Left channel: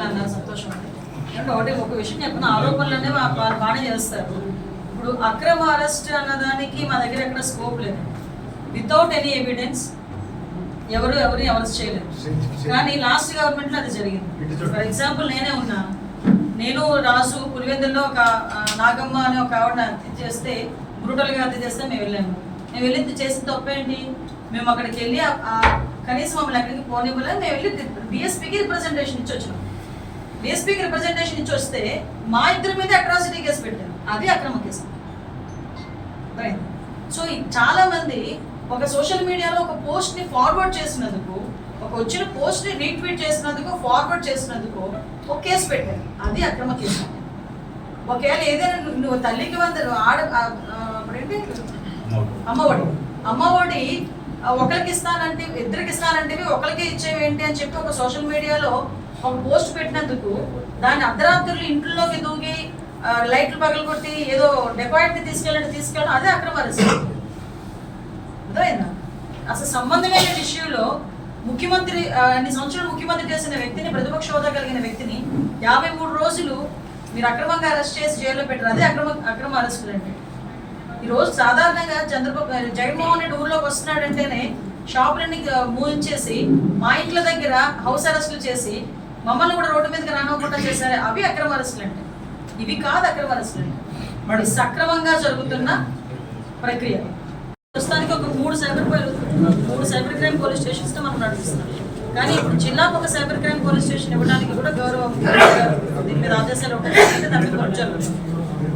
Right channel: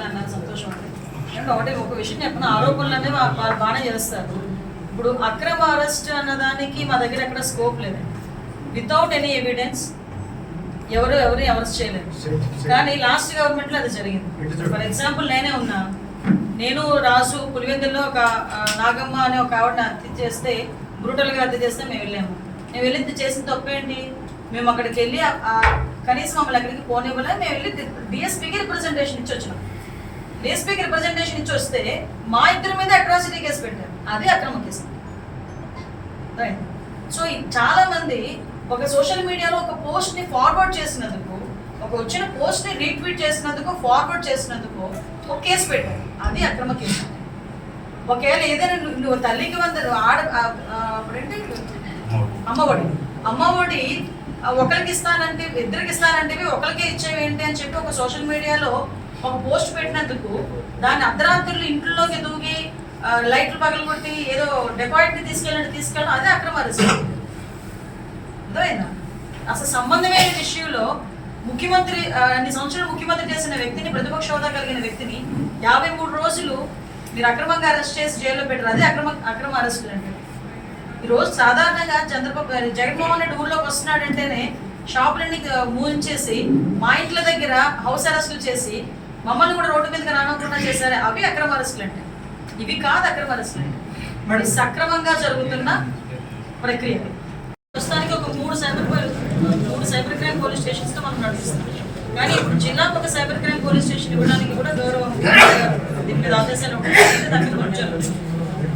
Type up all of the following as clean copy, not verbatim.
అన్నారు సంతోషం అండి. అంటే ఒక విషయం చెప్పిన ఆరోపణలు అనేవి వాళ్ళు బాగానే చేస్తారు. ఇప్పుడు అక్రమ అరెస్ట్ అన్నదానికి మా దగ్గర ఎక్కడ స్కోప్ లేదండి. వితౌట్ ఎనీ ఎవిడెన్స్ ఎవరు అరెస్ట్ చేయలేదు. కానీ లాస్ట్ గవర్నమెంట్లో అది జరిగింది. ఫర్ ఎగ్జాంపుల్ నేనే ఉన్నా, నేను రాజు పులివెందుల్లో ఒక నాగమ్మ అనే ఒక ఆవిడని హత్య చేస్తే, బ్రూటల్గా హత్య చేస్తే మేము వెళ్ళాము. మేము వెళ్ళి చేసిన తప్పేంటి? మేము అక్కడికి వెళ్ళి కనీసం మమ్మల్ని ఎక్కడికి పోనివ్వలేదు. మేము వెళ్ళి డిఎస్పీకి రిప్రజెంటేషన్ ఇచ్చి వచ్చినాం. డిఎస్పీకి రిప్రజెంటేషన్ ఇచ్చి వస్తే మా ఇద్దరి మీద అట్రాసిటీ కేసు పెట్టారు. అది అక్రమ కేసు. రైట్. సో చాలా మంది ఒక సోషల్ మీడియాలో ఒక పోస్ట్ని ఫార్వర్డ్ చేసినందుకు, ఒక వచ్చిన పోస్ట్ని రీట్వీట్ చేసినందుకు, ఫార్వర్డ్ చేసినందుకు ఒక కేసు పెట్టారు. అది అక్రమ కేసు. ఒకవేళ ఏదైనా నువ్వు తల్లికి వందరు అప్పుడేంటి అమ్మఒడి ఒకరికి ఇస్తానంటే, ఇద్దరికి ఇస్తానంటే ఒకరికి ఇచ్చేవి ఏంటి అని చెప్పి ఒక సోషల్ మీడియాలో ఒక పోస్ట్ పెట్టినందుకు దాన్ని అర్ధరాత్రులు ఇంట్లోకి దూగి లైట్లు పగలు కొట్టి ఏదో డెకాయిట్ని తీసుకెళ్ళడం అదే అక్రమ అరెస్ట్. అర్థమైందా? అసలు సంబంధమైన విషయంలో ముఖ్యమంత్రి అన్ని సంవత్సరాలు ముఖ్యమంత్రి చేసిన వ్యక్తిని, ప్రతిపక్ష హోదా కలిగిన వ్యక్తిని 53 రోజులు మీరు అక్రమంగా అరెస్ట్ చేసి జైల్లో పెట్టారు. అదే అక్రమ అరెస్టులు అంటే. ఈరోజు సాధారణంగా జగన్మోహన్ రెడ్డి ఊళ్ళోకి వస్తున్నాడంటేనే షాపులన్నీ మూయించేసి మా ఇంట్ల దగ్గర హౌస్ అరెస్టులు చేసి మమ్మల్ని కూడా రోడ్డు మీదకి రానకుండా చేశారు. అవి అక్రమ అరెస్టులు అంటే. ఇవి కాదు అక్రమ అరెస్టులు అంటే. మరి సక్రమంగా జరుగుతున్న ప్రక్రియ. ప్రస్తుతానికి ఒక 3 సైబర్ క్రైమ్ పోలీస్ స్టేషన్స్తో మనం నడుస్తున్నాం. కానీ ఇప్పుడు జిల్లాకు ఒక సైబర్ క్రైమ్ పోలీస్ స్టేషన్ ఇవ్వడానికి కూడా గౌరవం దీని మీద ఆదేశాలు ఉంటాయి. దాని మీద జరుగుతుంది.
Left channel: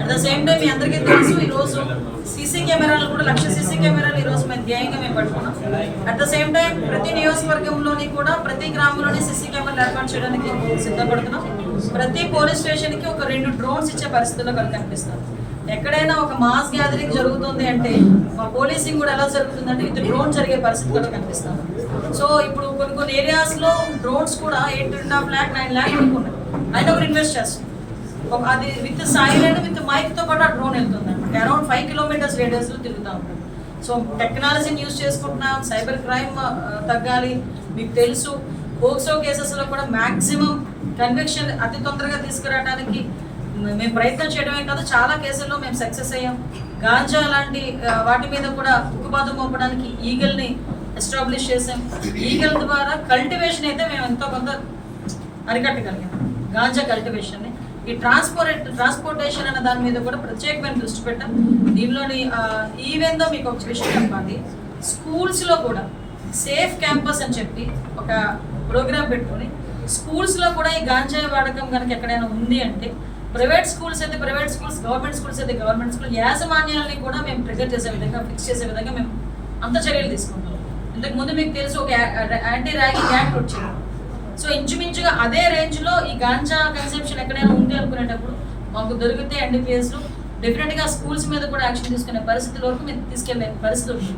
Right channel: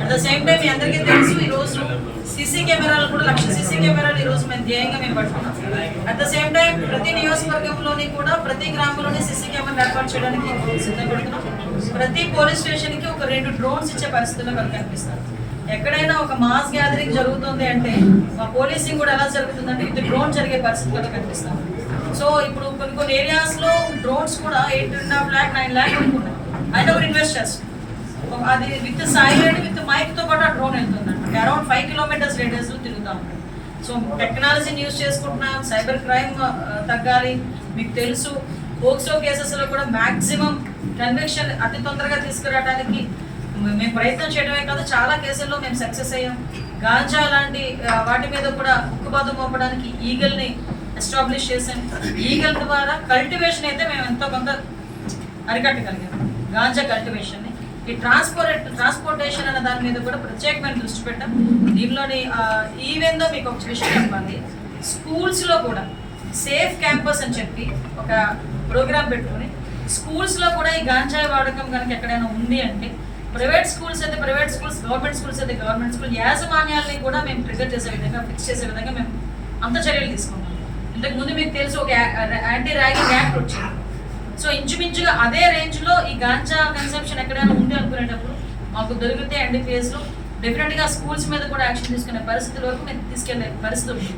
అట్ ద సేమ్ టైం మీ అందరికీ తెలుసు, ఈరోజు సీసీ కెమెరాలు కూడా 1,00,000 సీసీ కెమెరాలు ఈరోజు మేము ధ్యేయంగా మేము పట్టుకున్నాం. అట్ ద సేమ్ టైం ప్రతి నియోజకవర్గంలోని కూడా ప్రతి గ్రామంలోని సీసీ కెమెరాలు ఏర్పాటు చేయడానికి సిద్ధపడుతున్నాం. ప్రతి పోలీస్ స్టేషన్కి ఒక 2 డ్రోన్స్ ఇచ్చే పరిస్థితుల్లో కనిపిస్తాం. ఎక్కడైనా ఒక మాస్ గ్యాదరింగ్ జరుగుతుంది అంటే మా పోలీసింగ్ కూడా ఎలా జరుగుతుందంటే ఇది డ్రోన్ జరిగే పరిస్థితుల్లో కనిపిస్తాం. సో ఇప్పుడు కొన్ని ఏరియాస్లో డ్రోన్స్ కూడా 8.5 lakh 9 lakh కొనుక్కున్నాం. అయినా కూడా ఇన్వెస్ట్ చేస్తాం. అది విత్ సైలెంట్ విత్ మైక్తో పాటు ఆ డ్రోన్ వెళ్తుంది అనమాట. అరౌండ్ 5 kilometers రేడియస్లో తిరుగుతూ ఉంటాం. సో టెక్నాలజీని యూజ్ చేసుకుంటున్నాం. సైబర్ క్రైమ్ తగ్గాలి. మీకు తెలుసు పోక్సో కేసెస్లో కూడా మ్యాక్సిమం కన్విక్షన్ అతి తొందరగా తీసుకురావడానికి మేము ప్రయత్నం చేయడమే కాదు, చాలా కేసుల్లో మేము సక్సెస్ అయ్యాం. గాంజా లాంటి వాటి మీద కూడా ఉక్కుపాదం మోపడానికి ఈగల్ని ఎస్టాబ్లిష్ చేసాం. ఈగల్ ద్వారా కల్టివేషన్ అయితే మేము ఎంతో కొంత అరికట్టగలిగాం. గాంజా కల్టివేషన్ని. ఈ ట్రాన్స్పోర్టేషన్ అనే దాని మీద కూడా ప్రత్యేకమైన దృష్టి పెట్టాం. దీనిలోని ఈవెన్ దో మీకు ఒక విషయం చెప్పాలి, స్కూల్స్లో కూడా సేఫ్ క్యాంపస్ అని చెప్పి ఒక ప్రోగ్రామ్ పెట్టుకొని స్కూల్స్లో కూడా ఈ గాంజాయి వాడకం కనుక ఎక్కడైనా ఉంది అంటే ప్రైవేట్ స్కూల్స్ అయితే ప్రైవేట్ స్కూల్స్, గవర్నమెంట్ స్కూల్స్ అయితే గవర్నమెంట్ స్కూల్ యాజమాన్యాలని కూడా మేము ట్రిగర్ చేసే విధంగా, ఫిక్స్ చేసే విధంగా మేము అంత చర్యలు తీసుకుంటాం. ఇంతకుముందు మీకు తెలుసు ఒక యాంటీ ర్యాగింగ్ యాక్ట్ వచ్చింది. సో ఇంచుమించుగా అదే రేంజ్లో ఈ గాంజా కన్సంప్షన్ ఎక్కడైనా ఉంది అనుకునేటప్పుడు మాకు దొరికితే ఎన్డీపీఎస్లో డెఫినెట్గా స్కూల్స్ మీద కూడా యాక్షన్ తీసుకునే పరిస్థితుల వరకు మేము తీసుకెళ్లే పరిస్థితి ఉంది.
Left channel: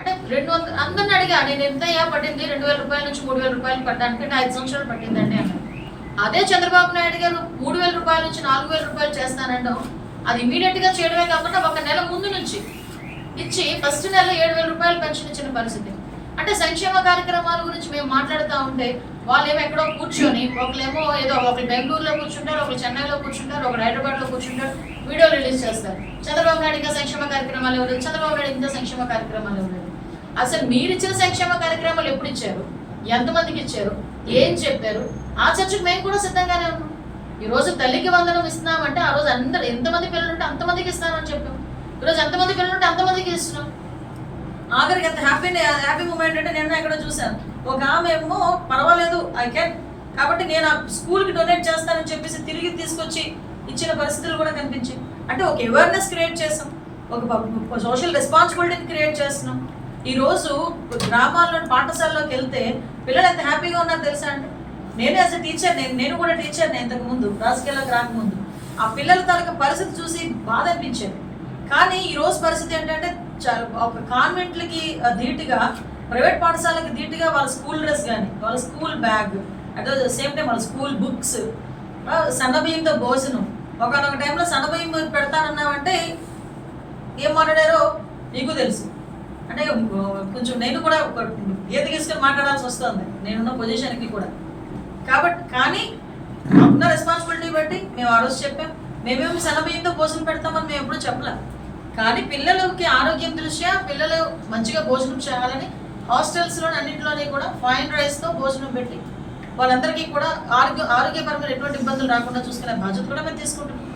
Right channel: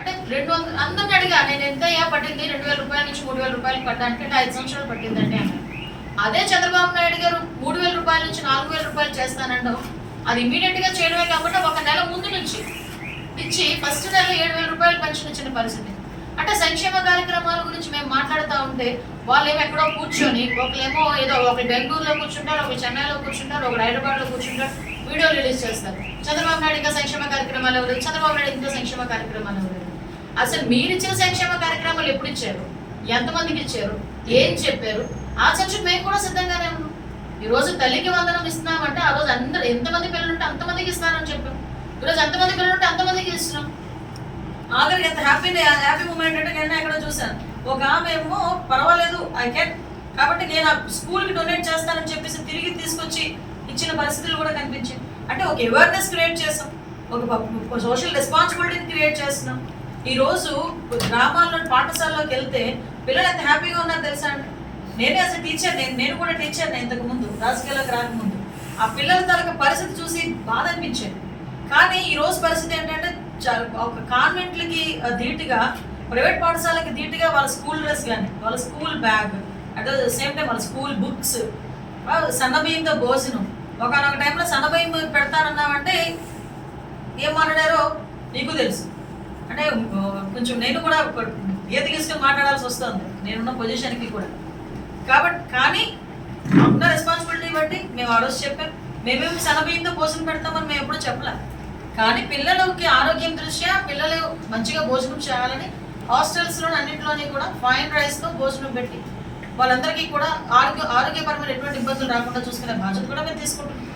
అంటే 200 అందరిని అడిగా, నేను ఎంత పట్టింది 2,000 రూపాయల నుంచి 3,000 రూపాయలు పట్టడానికి, 5 సంవత్సరాలు పట్టిందండి అన్నారు. అదే చంద్రబాబు నాయుడు గారు 3,000 రూపాయల నుంచి 4,000 రూపాయలు చేస్తానంటాం. అది ఇమీడియట్గా చేయడమే కాకుండా 1 నెల ముందు నుంచి ఇచ్చి ఫస్ట్ నెల 7,000 రూపాయలు పెన్షన్ పరిస్థితి. అంటే సంక్షేమ కార్యక్రమాల గురించి మేము మాట్లాడుతూ ఉంటే వాళ్ళేమో ఎక్కడో కూర్చొని, ఒకళ్ళేమో ఏదో ఒకరు బెంగళూరులో కూర్చుంటారు, ఒకరు చెన్నైలో కూర్చుంటారు, ఒకరు హైదరాబాద్లో కూర్చుంటారు, వీడియోలు రిలీజ్ చేస్తారు. చంద్రబాబు నాయుడు ఇంకా సంక్షేమ కార్యక్రమాలు ఎవరు, చంద్రబాబు నాయుడు ఇంకా సంక్షేమ కార్యక్రమాలు ఎవరు. అసలు మీరు ఇచ్చిన సంక్షేమ కార్యక్రమాలు ఎప్పుడు ఇచ్చారు, ఎంతమందికి ఇచ్చారు, ఏం చెప్పారు, ఆ చర్చకు మేము కూడా సిద్ధంగానే ఉన్నాం. ఈరోజు తల్లికి వందనం ఇస్తున్నామంటే ఆ రోజు అందరూ ఎంతమంది పిల్లలు ఉంటే అంతమందికి ఇస్తున్నారని చెప్పాం. ఈరోజు ఎంతమంది పిల్లలు ఉంటే అంతమందికి ఇస్తున్నాం. ఆఖరికి ఎంత హ్యాపీ మూమెంట్ అంటే నేను ఎక్కడ చూశాను, ఒక ఆమె ఏమో పర్వాలేదు ఐ కెన్ కాబట్టి నేను ఆ స్కూల్కి డొనేట్ చేస్తానని చెప్పేసి తిరిగి తీసుకొచ్చి ఇచ్చిన పరిస్థితులు కూడా కనిపించింది. అంటే ఒక అవేర్నెస్ క్రియేట్ చేసాం, ఒక సోషల్ రెస్పాన్సిబిలిటీని క్రియేట్ చేస్తున్నాం. ఈరోజు గ్రామాల్లో పాఠశాలలోకి వెళ్తే పిల్లలు ఎంత హ్యాపీగా ఉన్నారో తెలుసా అండి. నేనే అసలు టీచర్, నేను కూడా టీచర్ని ఇంతకు ముందు రాజకీయాల్లోకి రాకముందు. ఆ పిల్లల తాలూకా పరిస్థితి చూసి బాధ అనిపించేది. కానీ ఈరోజు పరిస్థితి ఏంటంటే ఒక కాన్వెంట్లకి ధీటుగా, ప్రైవేట్ పాఠశాలకి ధీటుగా వాళ్ళ స్కూల్ డ్రెస్ కానీ, వాళ్ళ school bag, at the same time వాళ్ళ స్కూల్ బుక్స్, సన్నబియ్యంతో భోజనం. ఒకనొక టైంలో సన్నబియ్యం పెడతానన్నామంటే ఏం మాట్లాడారో నీకు తెలుసు. అంటే కొంచెం నేను కూడా గీత గీసుకొని మాట్లాడాల్సి వస్తుంది నేనున్న పొజిషన్కి కూడా. కాబట్టి కానీ ఉన్న రెస్పాన్సిబిలిటీ బట్టి మేము ఆ రోజు చెప్పాం. మేమేమి సన్నబియ్యంతో భోజనం పెడతామని మేము ఎప్పుడు చెప్పలేం. కానీ పిల్లలకి ఆరోగ్యం దృష్ట్యా పిల్లలు మంచిగా భోజనం చేయాలని హాస్టల్స్లోని అన్నింటిలోని కూడా ఫైన్ రైస్తో భోజనం పెట్టి వాళ్ళందరికీ కూడా ఆరోగ్యపరమైన ఎటువంటి ఇబ్బందులు రాకుండా చూసుకునే బాధ్యత కూడా మేము తీసుకుంటున్నాం.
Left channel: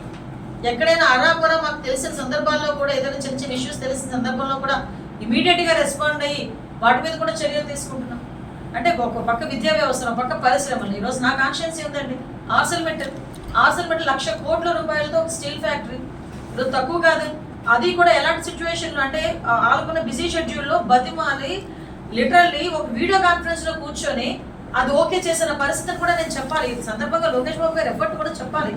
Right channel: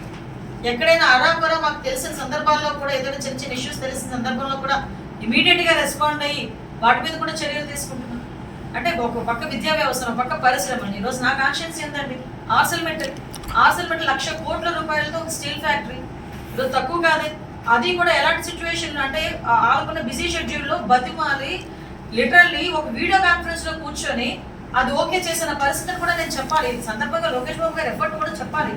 ఎక్కడైనా అరాకొరా మాకు తెలిసిన సందర్భాల్లో కూడా ఏదైనా చిన్న చిన్న ఇష్యూస్ తెలిసిన సందర్భంలో కూడా ఇమీడియట్గా రెస్పాండ్ అయ్యి వాటి మీద కూడా చర్యలు తీసుకుంటున్నాం. అంటే ఒక పక్క విద్యా వ్యవస్థ, ఒక పక్క పరిశ్రమలు. ఈరోజు నా కాన్షియన్స్ ఏంటండి, ఆర్సెల్మెటల్ 1,00,00,000 కోట్ల రూపాయలతో ఒక స్టీల్ ఫ్యాక్టరీ ఇప్పుడు తక్కువ కాదే. అది కూడా ఎలాంటి సిచ్యువేషన్లో అంటే ఆளுకున్న బిజీ షెడ్యూల్లో బతిమాలి లిటరల్లీ ఒక వీడియో కాన్ఫరెన్స్లో కూర్చొని అది ఓకే చేసిన పరిస్థితిని కూడా నేను చెప్పాలి. ఈ సందర్భంగా లోకేష్ బాబు గారు ఎఫర్ట్ కూడా చెప్పాలి.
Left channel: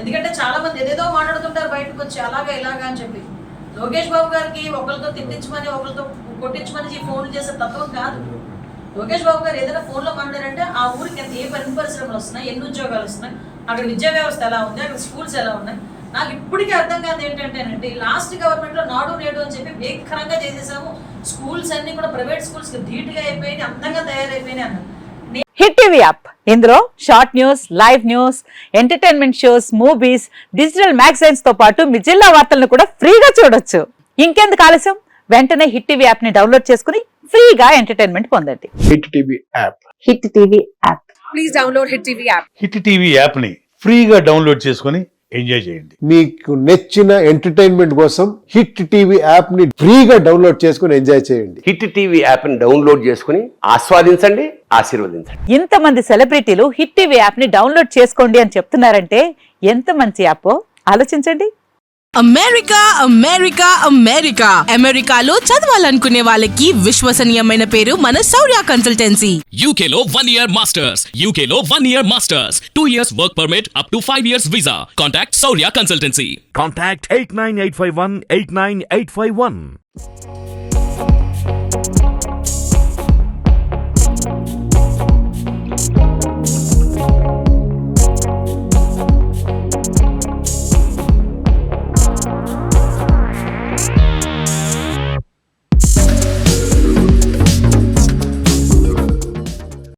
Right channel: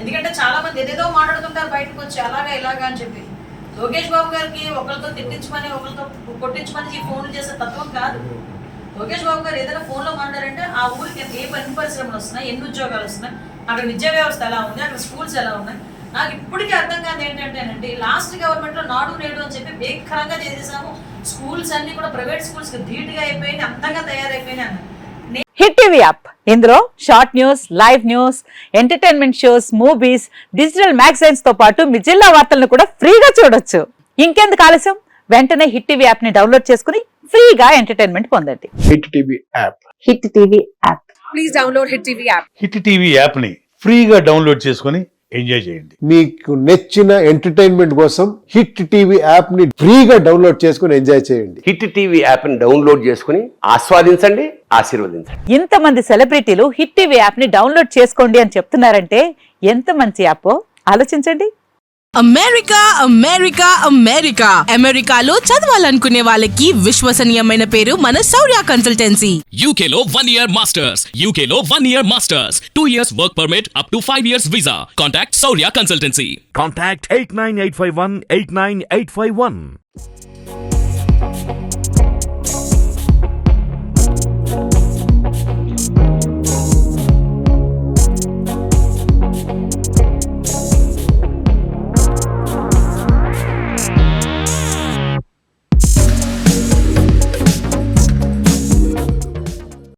ఎందుకంటే చాలా మంది ఏదేదో మాట్లాడుతుంటారు బయటకు వచ్చి అలాగా ఇలాగా అని చెప్పి. లోకేష్ బాబు గారికి ఒకరితో తిట్టించమని ఒకరితో కొట్టించమని ఫోన్లు చేసే తత్వం కాదు. లోకేష్ బాబు గారు ఏదైనా ఫోన్లో మాట్లాడారంటే ఆ ఊరికి ఏ ఎన్ని పరిశ్రమలు వస్తున్నాయి, ఎన్ని ఉద్యోగాలు వస్తున్నాయి, అక్కడ విద్యా వ్యవస్థ ఎలా ఉంది, అక్కడ స్కూల్స్ ఎలా ఉన్నాయి. నాకు ఇప్పటికీ అర్థం కాదు ఏంటంటే లాస్ట్ గవర్నమెంట్లో నాడు నేడు అని చెప్పి భీకరంగా చేసేసాము. స్కూల్స్ అన్ని కూడా ప్రైవేట్ స్కూల్స్కి ధీటుగా అయిపోయినాయి, అందంగా తయారైపోయినాయి అన్నారు. హిట్ టీవీ యాప్ ఇందులో short news, live news, entertainment shows, movies, digital magazines తో పాటు మీ జిల్లా వార్తలను కూడా ఫ్రీగా చూడొచ్చు. ఇంకెందుకు ఆలస్యం, వెంటనే హిట్ టీవీ యాప్ ని డౌన్లోడ్ చేసుకుని ఫ్రీగా ఎంటర్టైన్మెంట్ పొందండి. Hit TV app. Hit TV app. Please download hit TV app. Hit TV app ని ఫ్రీగా డౌన్లోడ్ చేసుకుని ఎంజాయ్ చేయండి. మీకు నచ్చిన ఎంటర్టైన్మెంట్ కోసం హిట్ టీవీ యాప్ ని ఫ్రీగా డౌన్లోడ్ చేసుకుని ఎంజాయ్ చేయండి. హిట్ టీవీ యాప్ ని డౌన్లోడ్ చేసుకుని ఆస్వాదించండి, ఆశీర్వదించండి. ఇంతమంది సెలబ్రిటీలు హిట్ టీవీ యాప్ ని డౌన్లోడ్ చేసుకోండి అని చెప్తున్నారంటే ఎంత మంచి యాప్ ఆలోచించండి. అమెరికా అమెరికా అమెరికా అమెరికాలో చదవాలనుకునే వాళ్ళకి విశ్వసనీయమైన పేరు మన శౌర్య కన్సల్టెన్సీ. UK లో 1 year masters. UK లో 1 year masters. 2 years work permit up to 5 years visa. Contact Saurya Consultancy. Contact 89851 89851.